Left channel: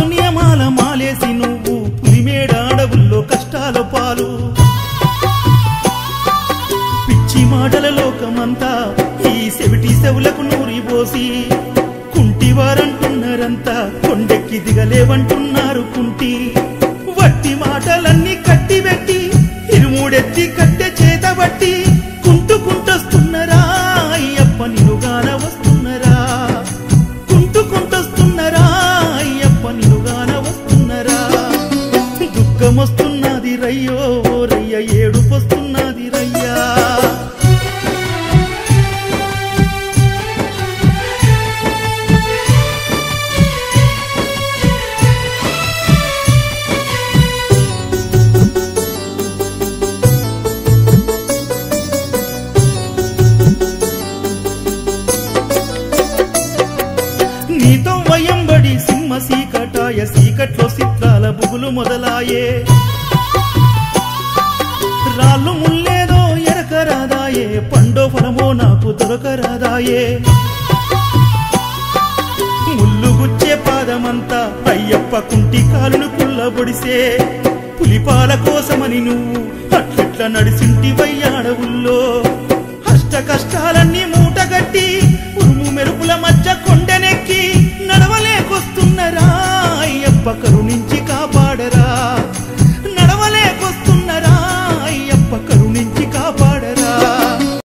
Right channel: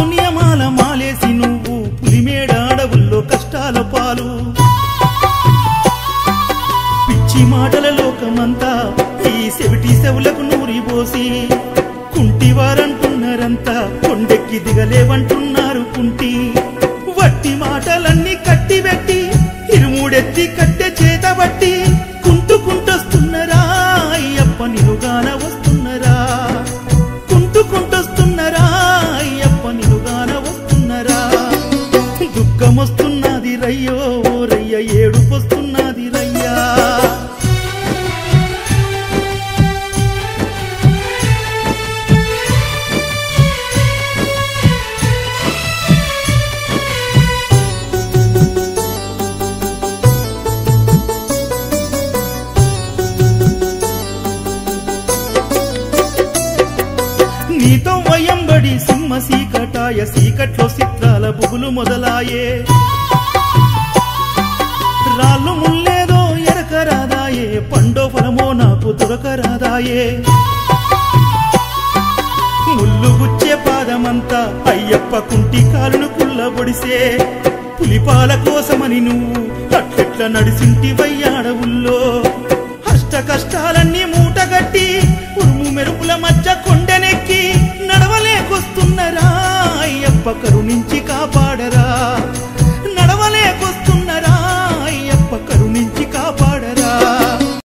మస్తు నియమాల మాలేసి నువ్వు పులిమేడ అడవుల్లో కష్టాల పాలు పిచ్చి మాటల లోకమంతా ఈ సెవిటి సెవులకు నూరిపోసి కుంటివారంటున్నారంతా కొండెక్కి దిగలేవంటున్నారు కుంటి వట్టి మాటలన్నీ కట్టిబెట్టి ఇరుమూడెత్తి కట్టె చేతబట్టి కుంటుకుంటొస్తున్నారా అయ్యప్ప నినుగాన వస్తున్నారా కుంటుకుంటొస్తున్నారా అయ్యప్ప నినుగాన వస్తున్నారా దుఃఖమొస్తున్నది రయ్యో రయ్య ఏడుపొస్తున్నది రయ్యా నీతో వయంబడి సింహ సీకటాయ సీకట్లో చిత్రాల బుగులు మొదలాయే రాళ్ళు ముల్లేదో ఎరకరాదాయే పండో ఫలమో నాకు దొరకరాదాయే ముల్లు గుచ్చే పాదమంతా అయ్యప్ప కుంటి కాలును కుల్లబొడిసే పులిపాల కోసమని నువ్వు అట్లెట్ల నడిసింటివయ్యాడవుల్లో అష్ట కష్టాలన్నీ మూటగట్టి ఉరుము మెరుపుల మధ్య కొండనెక్కి నడవలేకొస్తున్నారా అయ్యప్ప కరుణించి